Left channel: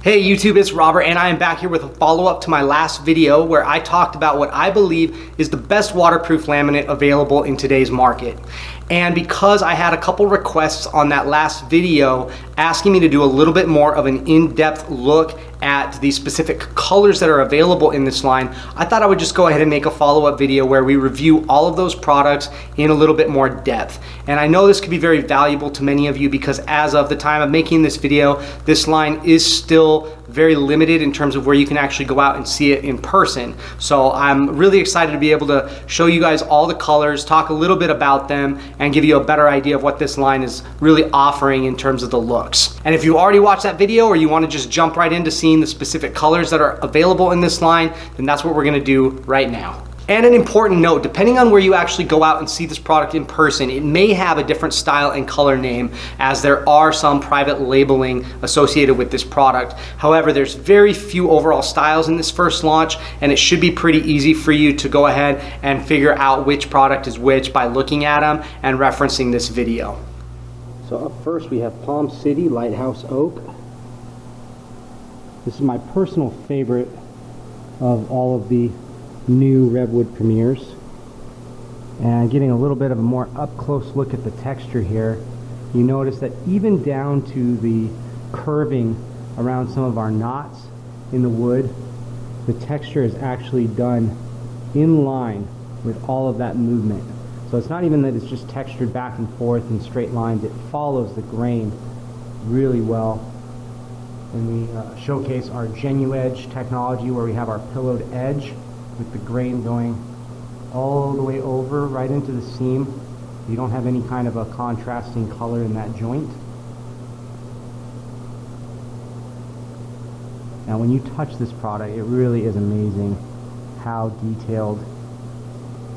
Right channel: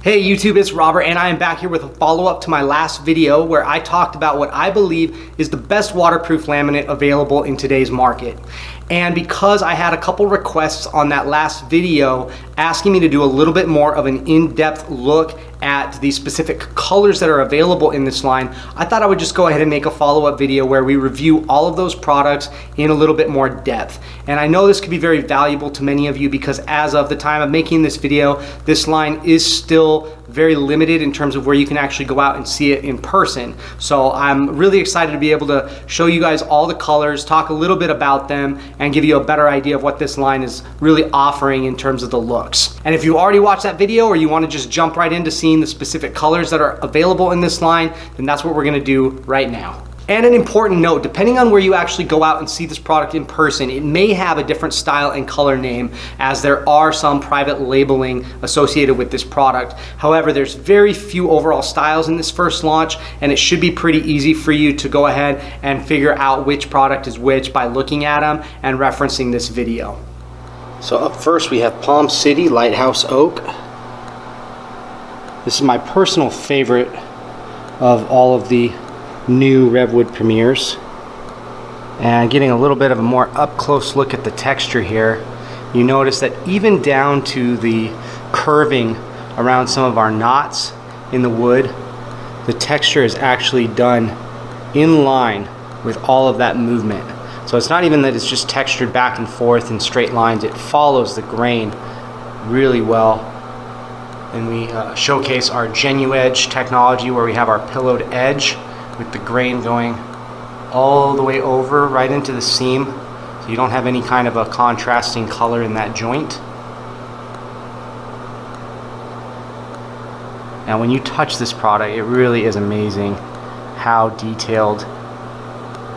Hey YouTube, it's Robert and I am back here with a follow-up to my last video where I talked about what I believe is the best waterproof laminate available in today's market. And because I had a couple requests on that last video asking me to do a little bit more of an in-depth look at the specific colors that are available in this line, I thought I would just go ahead and make a follow-up video where we review all of those products in a little bit more depth. And I know this could be very valuable to many of you because as of the time of making this video, this line is still very limited in terms of where you can actually go out and see it in person. So I'm really excited to be able to show you guys all the colors, talk a little bit about them, and give you a better idea of what this line is really offering in terms of the looks. And if you already watched that video or you want to just jump right into seeing the specific colors that are available in this line, then that's what we're going to do right now. And an important note, depending on where you actually go out and see this product in person, it may have a different style and color name as there are some private labeling associated with this product. However, there's very few overall styles in this first launch and it should be pretty easy for you to go ahead and figure out which product is which by looking at them and referencing this video. So up first we have Palm City Lighthouse Oak. This is my personal favorite of all of the new Revwood Premiers, and getting a little bit of a more up close look at the texture here, you notice that even down to the curving around some of our knots in the wood, the texture is actually done in line with all of that movement. So it's not even that it's just textured back and forth in straight lines, it follows the grain really well. And we showcase our GenuEdge technology where we have our pillowed edge with the grain going all the way over right into the seam, so you don't have any kind of a contrasting color in that joint. Now when you touch this product, it really is amazing how detailed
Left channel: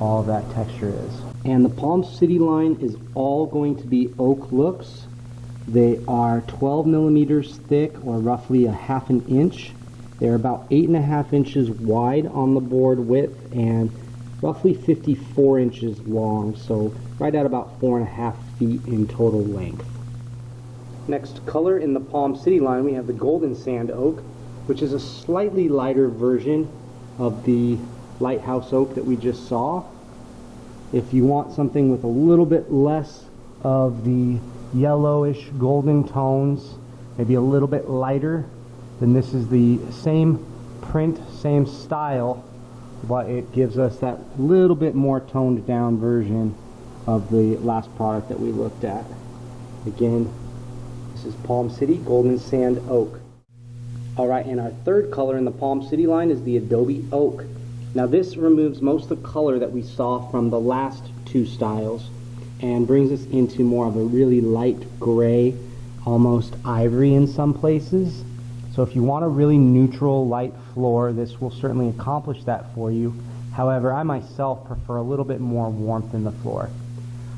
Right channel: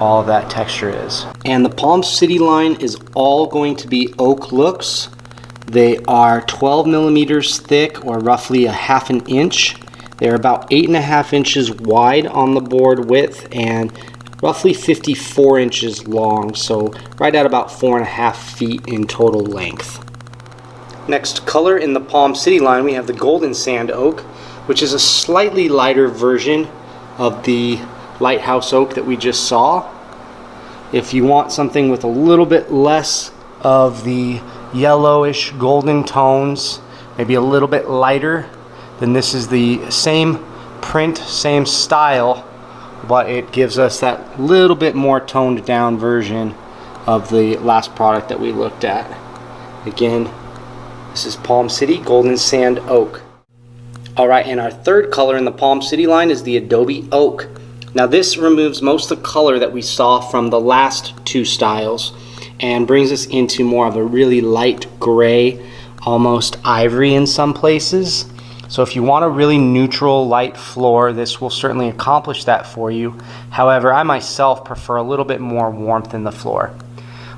all of that texture is. And the Palm City line is all going to be oak looks. They are 12 millimeters thick, or roughly a half an inch. They're about 8.5 inches wide on the board width and roughly 54 inches long, so right at about 4.5 feet in total length. Next color in the Palm City line, we have the Golden Sand Oak, which is a slightly lighter version of the Lighthouse Oak that we just saw. If you want something with a little bit less of the yellowish golden tones, maybe a little bit lighter, then this is the same print, same style, but it gives us that little bit more toned down version of the last product that we looked at. Again, this is Palm City Golden Sand Oak. Alright, and our third color in the Palm City line is the Adobe Oak. Now this removes most of the color that we saw from the last two styles and brings us into more of a really light gray, almost ivory in some places. So if you want a really neutral light floor, this will certainly accomplish that for you. However, I myself prefer a little bit more warmth in the floor.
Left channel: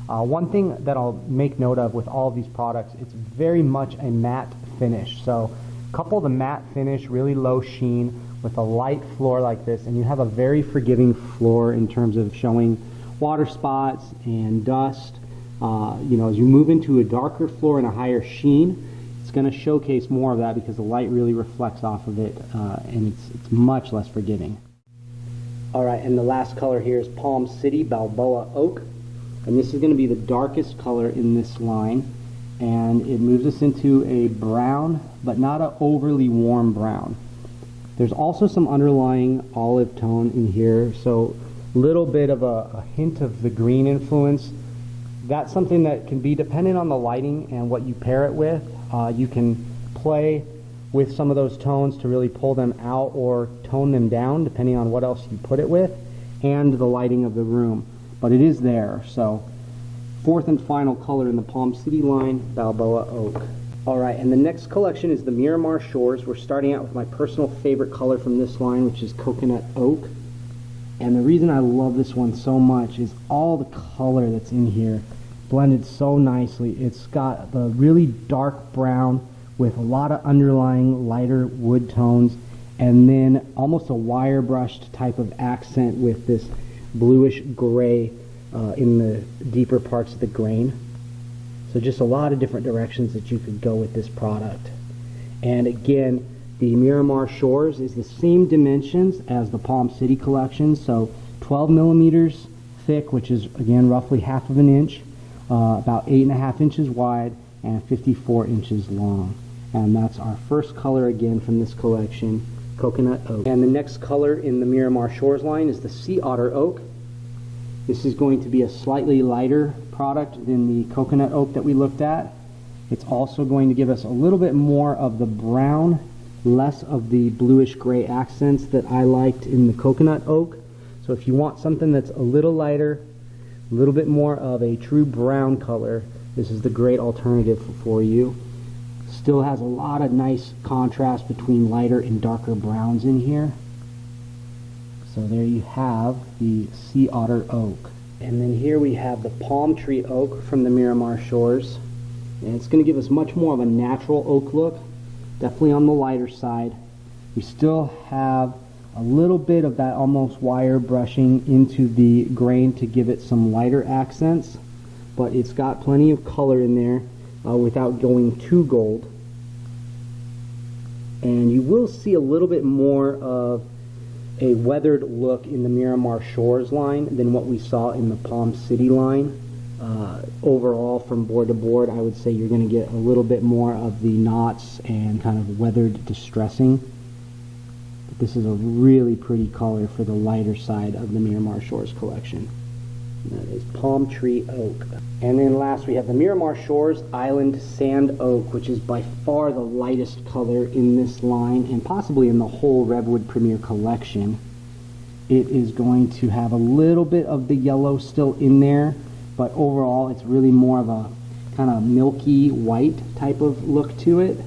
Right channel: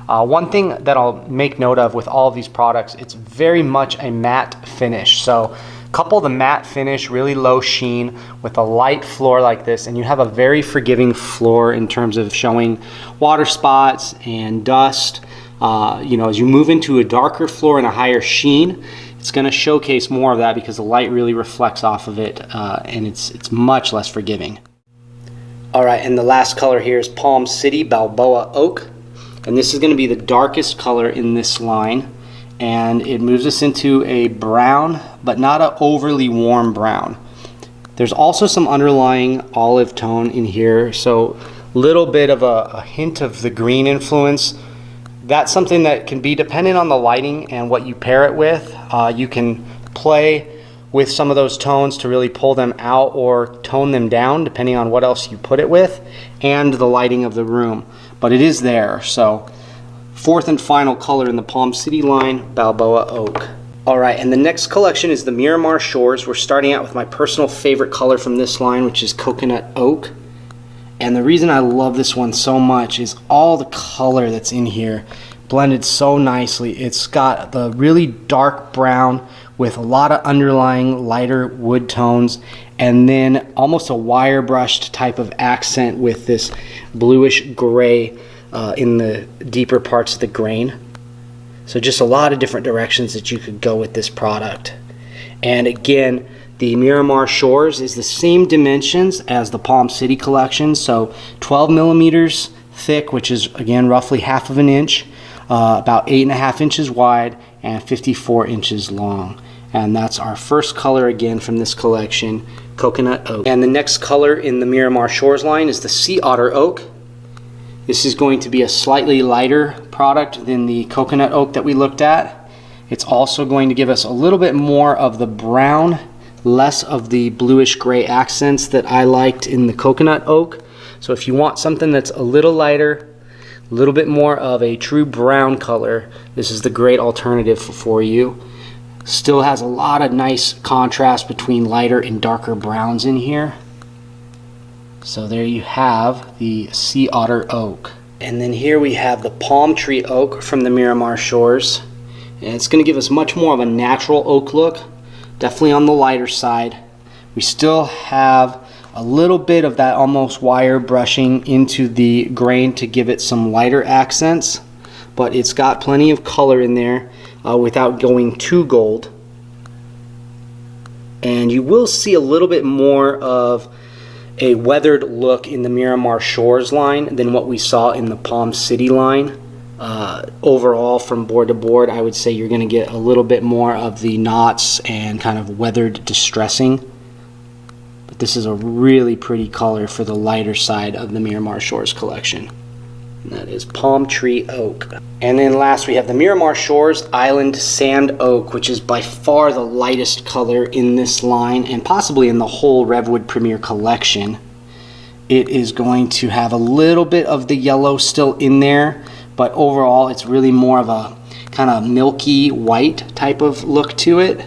One thing that I'll make note of with all of these products, it's very much a matte finish. So couple the matte finish, really low sheen, with a light floor like this, and you have a very forgiving floor in terms of showing water spots and dust. As you move into a darker floor and a higher sheen, it's going to showcase more of that because the light really reflects off of it, and it's much less forgiving. Alright, and the last color here is Palm City Balboa Oak, and this is going to be the darkest color in this line, and it moves us into a brown, but not an overly warm brown. There's also some underlying olive tone in here, so a little bit of a hint of the green influence. That's something that can be dependent on the lighting and what you pair it with. You can play with some of those tones to really pull them out or tone them down depending on what else you put it with and the lighting of the room. But it is there. So fourth and final color in the Palm City line, Balboa Oak. Alright, and the next collection is the Miramar Shores. We're starting out with my personal favorite color from this line, which is Coconut Oak. And the reason I love this one so much is all the color that's in here blended so nicely. It's got the really dark brown with a lot of underlying lighter wood tones, and then almost a wire brushed type of accent with this bluish gray in the deeper parts of the grain. So just a lot of different directions that you could go with this product. And again, The Miramar Shores is the same dimensions as the Palm City collection, so 12 millimeters thick, which is again roughly half of an inch, about 8.5 inches wide, and 54 inches long. And that's our first color again from this collection, Coconut Oak. And the next color in the Miramar Shores line is the Sea Otter Oak. This is going to be a slightly lighter product than the Coconut Oak that we looked at. It's also going to give us a little bit more of the brown, less of the bluish gray accents that I liked in the Coconut Oak. So if you want something that's a little lighter, a little bit more of a true brown color, this is the great alternative for you. Still has a lot of nice contrast between lighter and darker browns in here. So there you have the Sea Otter Oak. And then here we have the Palm Tree Oak from the Miramar Shores. And it's going to give us much more of a natural oak look, definitely on the lighter side. We still have a little bit of that almost wire brushing into the grain to give it some lighter accents, but it's got plenty of color in there without going too gold. And you will see a little bit more of a weathered look in the Miramar Shores line than what we saw in the Palm City line. Overall, from board to board, I would say you're going to get a little bit more of the knots and kind of weathered distressing. But this is a really pretty color for the lighter side of the Miramar Shores collection. And that is Palm Tree Oak. And then last we have the Miramar Shores Island Sand Oak, which is by far the lightest color in this line and possibly in the whole Revwood Premier collection. It is going to have a little bit of the yellow still in there, but overall it's really more of a kind of milky white type of look to it.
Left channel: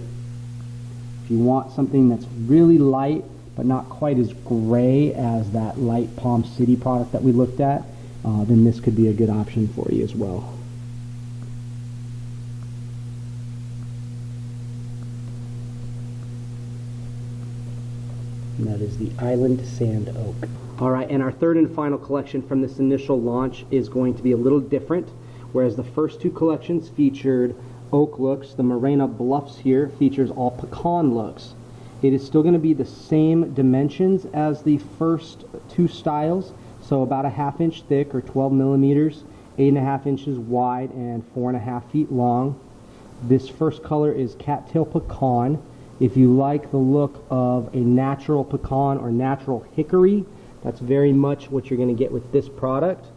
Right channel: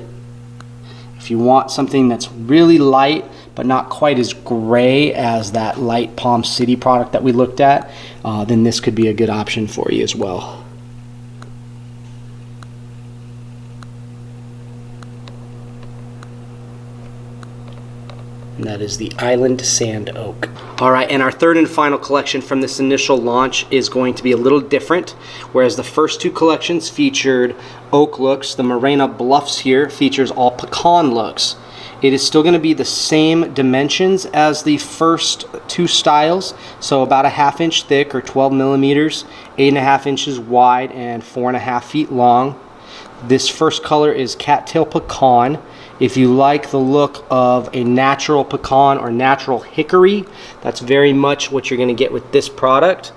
If you want something that's really light but not quite as gray as that light Palm City product that we looked at, then this could be a good option for you as well. And that is the Island Sand Oak. Alright, and our third and final collection from this initial launch is going to be a little different. Whereas the first two collections featured oak looks, the Morena Bluffs here features all pecan looks. It is still going to be the same dimensions as the first two styles, so about a 1/2 inch thick or 12 millimeters, 8.5 inches wide, and 4.5 feet long. This first color is Cattail Pecan. If you like the look of a natural pecan or natural hickory, that's very much what you're going to get with this product.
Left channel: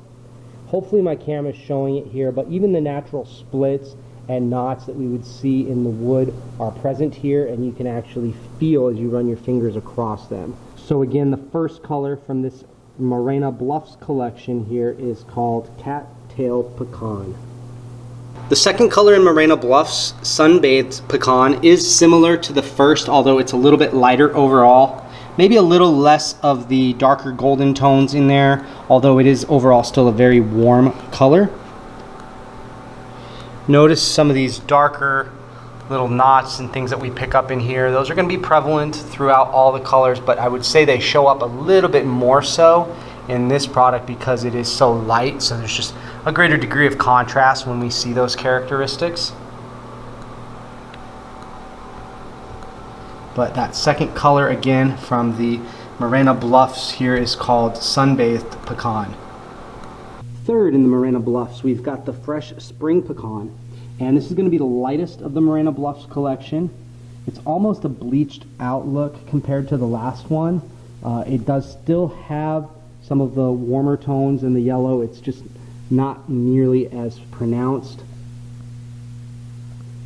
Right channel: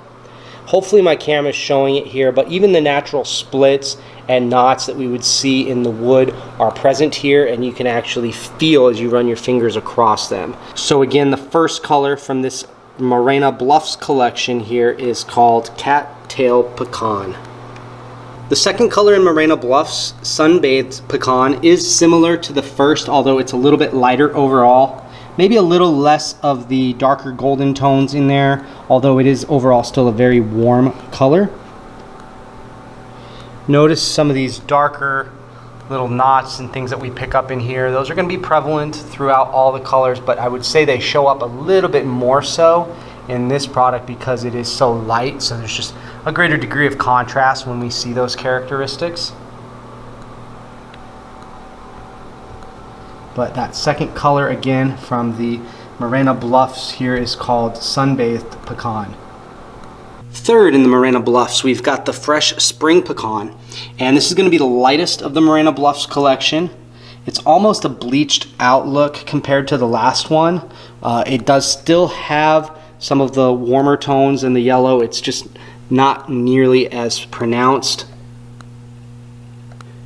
Hopefully my camera is showing it here, but even the natural splits and knots that we would see in the wood are present here, and you can actually feel as you run your fingers across them. So again, the first color from this Morena Bluffs collection here is called Cattail Pecan. The second color in Morena Bluffs, Sunbathed Pecan, is similar to the first, although it's a little bit lighter overall. Maybe a little less of the darker golden tones in there, although it is overall still a very warm color. Notice some of these darker little knots and things that we pick up in here. Those are going to be prevalent throughout all the colors, but I would say they show up a little bit more so in this product because it is so light, so there's just a greater degree of contrast when we see those characteristics. But that second color again from the Morena Bluffs here is called Sunbathed Pecan. Third in the Morena Bluffs, we've got the Fresh Spring Pecan, and this is going to be the lightest of the Morena Bluffs collection. It's almost a bleached out look compared to the last one. It does still have some of the warmer tones in the yellow. It's just not nearly as pronounced.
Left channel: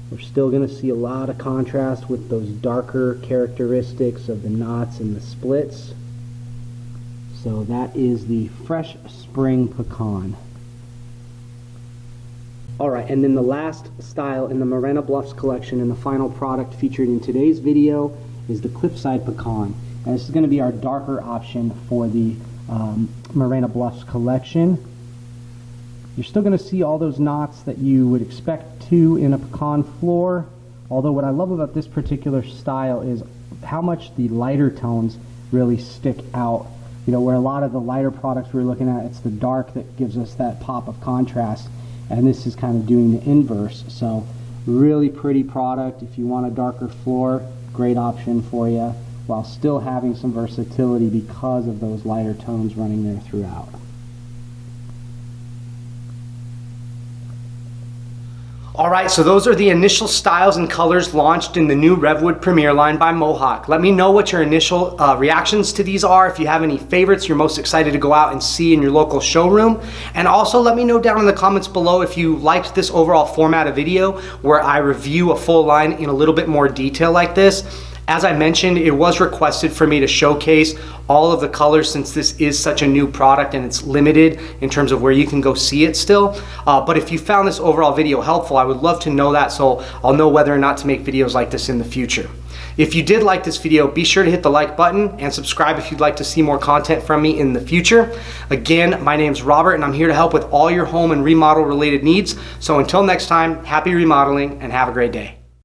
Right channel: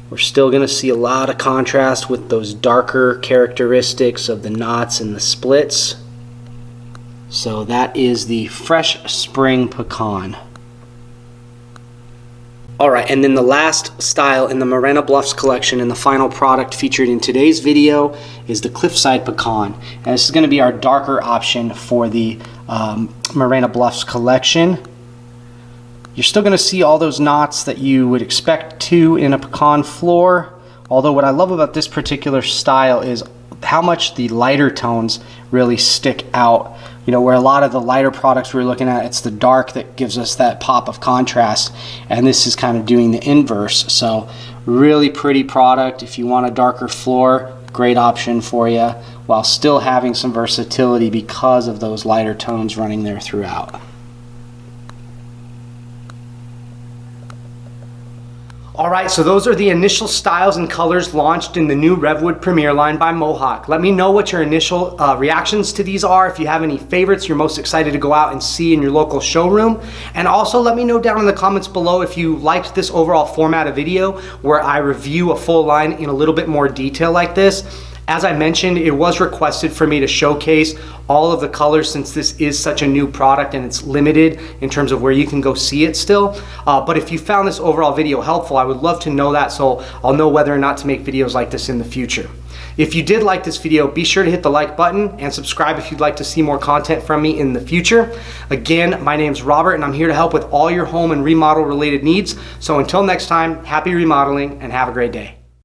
We're still going to see a lot of contrast with those darker characteristics of the knots and the splits. So that is the Fresh Spring Pecan. Alright, and then the last style in the Morena Bluffs collection and the final product featured in today's video is the Cliffside Pecan. And this is going to be our darker option for the Morena Bluffs collection. You're still going to see all those knots that you would expect to in a pecan floor, although what I love about this particular style is how much the lighter tones really stick out. You know, where a lot of the lighter products we're looking at, it's the dark that gives us that pop of contrast, and this is kind of doing the inverse. So really pretty product. If you want a darker floor, great option for you while still having some versatility because of those lighter tones running there throughout. Alright, so those are the initial styles and colors launched in the new Revwood Premier line by Mohawk. Let me know what your initial reactions to these are, if you have any favorites you're most excited to go out and see in your local showroom. And also let me know down in the comments below if you liked this overall format of video where I review a full line in a little bit more detail like this. As I mentioned, it was requested for me to showcase all of the colors since this is such a new product and it's limited in terms of where you can go see it still. But if you found this overall video helpful, I would love to know that so I'll know whether or not to make videos like this in the future. If you did like this video, be sure to hit the like button and subscribe if you'd like to see more content from me in the future. Again, my name's Robert and I'm here to help with all your home and remodel related needs. So until next time, happy remodeling and have a great day.